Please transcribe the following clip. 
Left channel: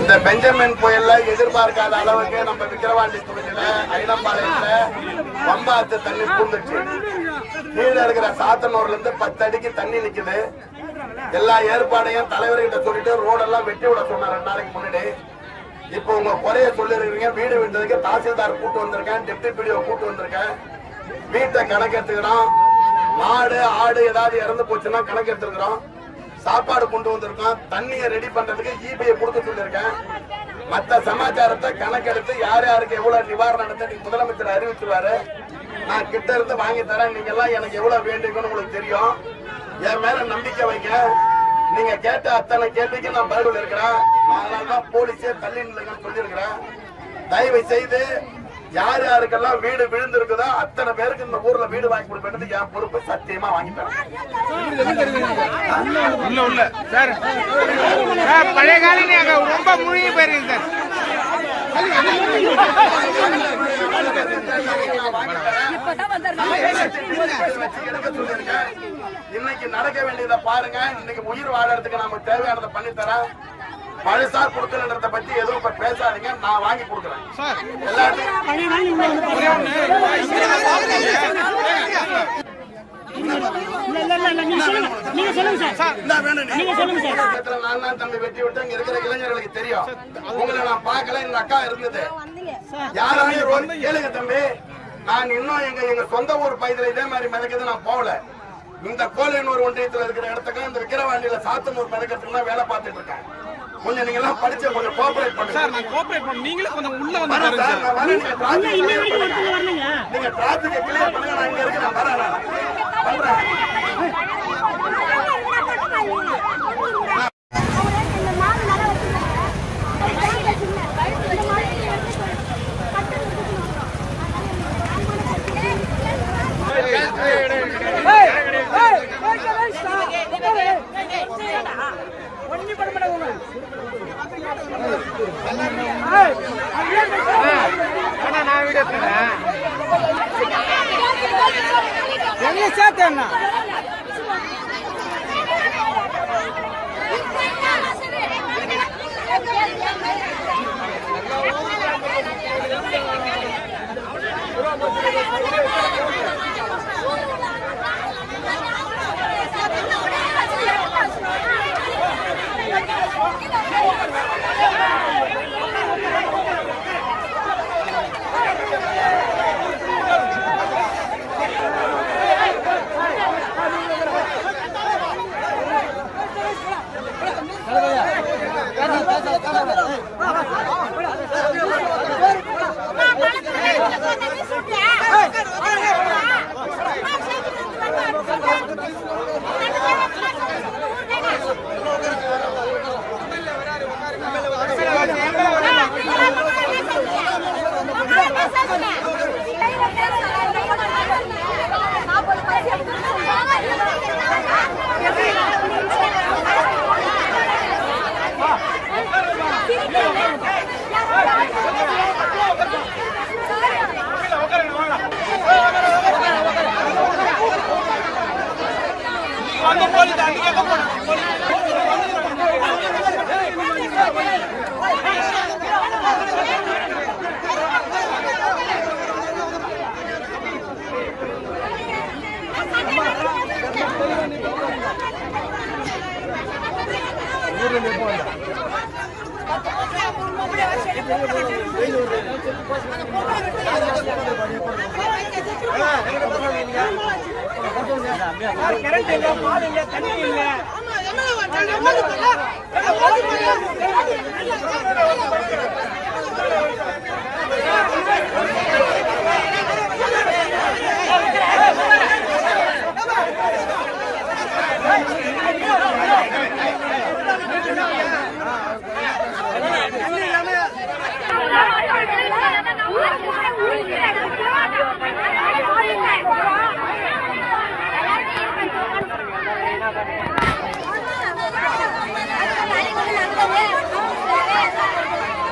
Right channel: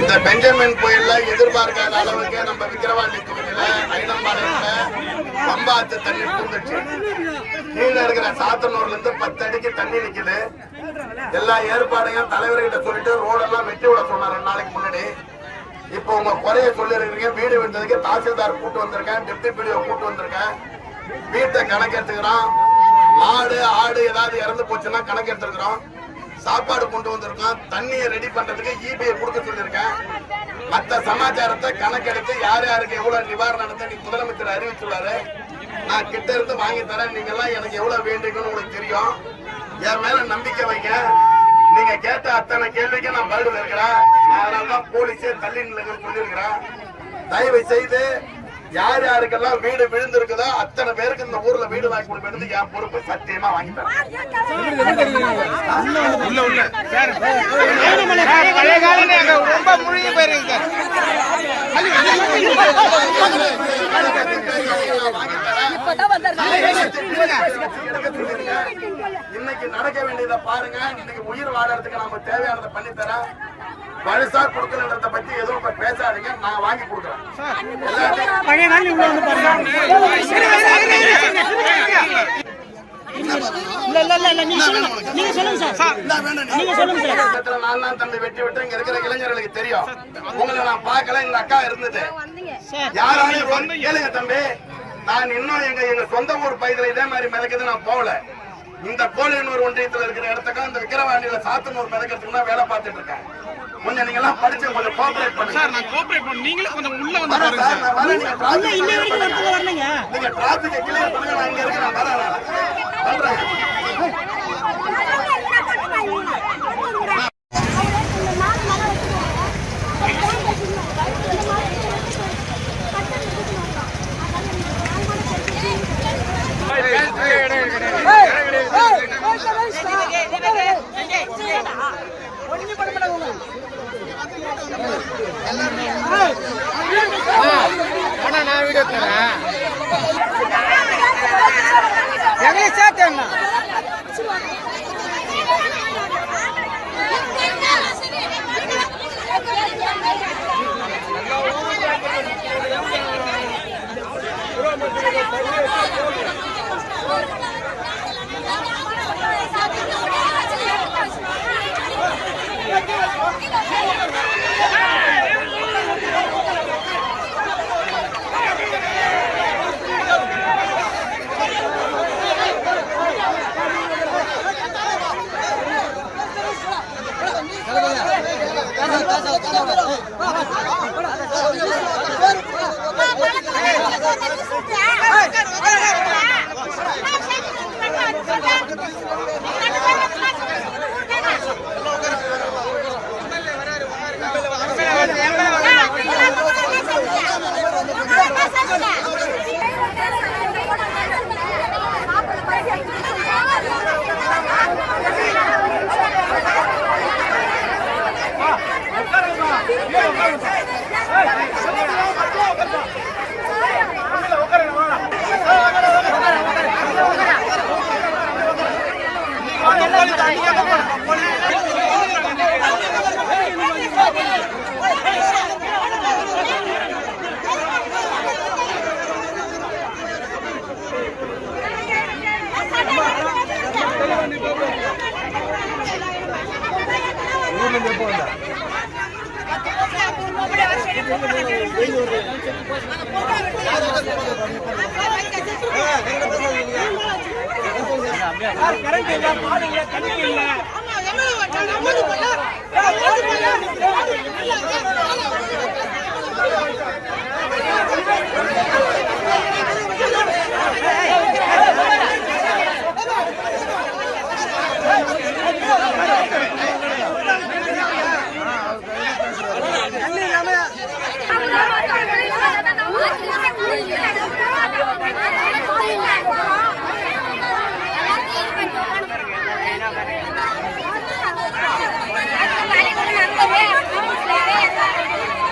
இந்த பெஞ்சமின் புயல்ல எதிர்பார்க்காத அளவுக்கு நம்ம விக்கிரவாண்டி தொகுதியில ஐனம்பாளையத்துல பம்பாத்து தண்ணி பூந்துச்சு. கீழே இருக்கிற சாத்தனூர்ல இருந்து 10 அடிக்கு தண்ணி நிக்குது. எல்லா ஏற்பாடையும் தலைவர்கிட்ட சொல்லிட்டு ரோடெல்லாம் வெட்டி விட சொன்னார் 2 நாளைக்கு முன்னாடி. இப்போ உங்க குறைய சொல்லி இருக்கீங்க. வீடு விட்டதுக்கு தாசில்தார் கூட்டு வந்திருக்கேன், டெப்டி பிடிஓ கூட்டு வந்திருக்கேன். வீட்டை கணக்கெடுத்துக்கிறோம். மாடு ஆடு ஏதாவது இறந்து போச்சுன்னா கணக்கெடுத்துக்கிறோம். சாப்பாடு கொண்டு வந்திருக்கோம். தண்ணியை ரெடி பண்றதுக்கு ஈபியை கொடுக்க சொல்லியிருக்கேன். மற்ற சமாச்சாரத்தை கணக்கெடுத்து யார் யாருக்கு எவ்வளவு நிவாரணத்தை நீ முதலமைச்சர் அறிவிச்சுருவாரு. நான் கிட்ட இருந்து வாங்கி தரேன். நீங்க எல்லாம் எனக்கு எவ்வளவு வேண்டுங்கன்னு உங்களுக்கு தெரியும். என் மேல நம்பிக்கை வைங்க. நீங்க கேட்ட அத்தனை கேள்விக்கு நான் பதில் இருக்கிறேன். அதனாலதான் போலீஸே தள்ளி நில்லுங்கன்னு சொல்லியிருக்கிறேன். தயவு செய்து யார் யாருக்கெல்லாம் வீடு விழுந்திருக்குதோ அத்தனை பேருக்கு இந்த ஊர்ல வீடு வாங்கி கொடுப்பேன். என் பொறுப்பு சத்தியமா வாங்கி தரேன். இன்னைக்கு நடக்க வேண்டியதை பாருங்க. இன்னைக்கு உயிர் வாழறதுக்கு நமக்கு தேவையானதை பண்ணி தரேன். பழசார் கொடுக்கறத பத்தி எதுவும் இப்ப பேசாதீங்க. நான் வாங்கி கொடுக்குறேன். வெட்டி விட்டு இங்க இருக்கிற இளைஞர்களுக்கு தெரியும். உங்களை நான் பார்க்கல. எங்க அக்கா இருந்தது. யாராவது கேளுங்க தம்பி. நான் இன்னும் எங்க சொந்த ஊர் பகுதியில் இதே மாதிரி மிதக்குது நான் போகல. இந்த கோலியனூர் ஒன்றியத்தில் இருக்கிற இடத்துக்கும் இந்த விக்கிரவாண்டியில சாத்தனூர் மிதக்கிறதுக்கு தான் வேலை பார்த்துட்டு இருக்கேன். கொஞ்சம் நீங்க எல்லாம் படிச்சு கொஞ்சம் கோஆபரேட் பண்ணுங்க சார். நான் கோஆபரேட் பண்ண நீங்களும் கொஞ்சம் உள்ள வந்து பாருங்க சார். நான் வரேன். நீங்க டிராபிக் கிளியர் பண்ணுங்க. நான் இங்க இருக்கேன். வரேன் பண்றேன். கரண்ட் இல்ல, பால் இல்ல, தண்ணி இல்ல. Thank you.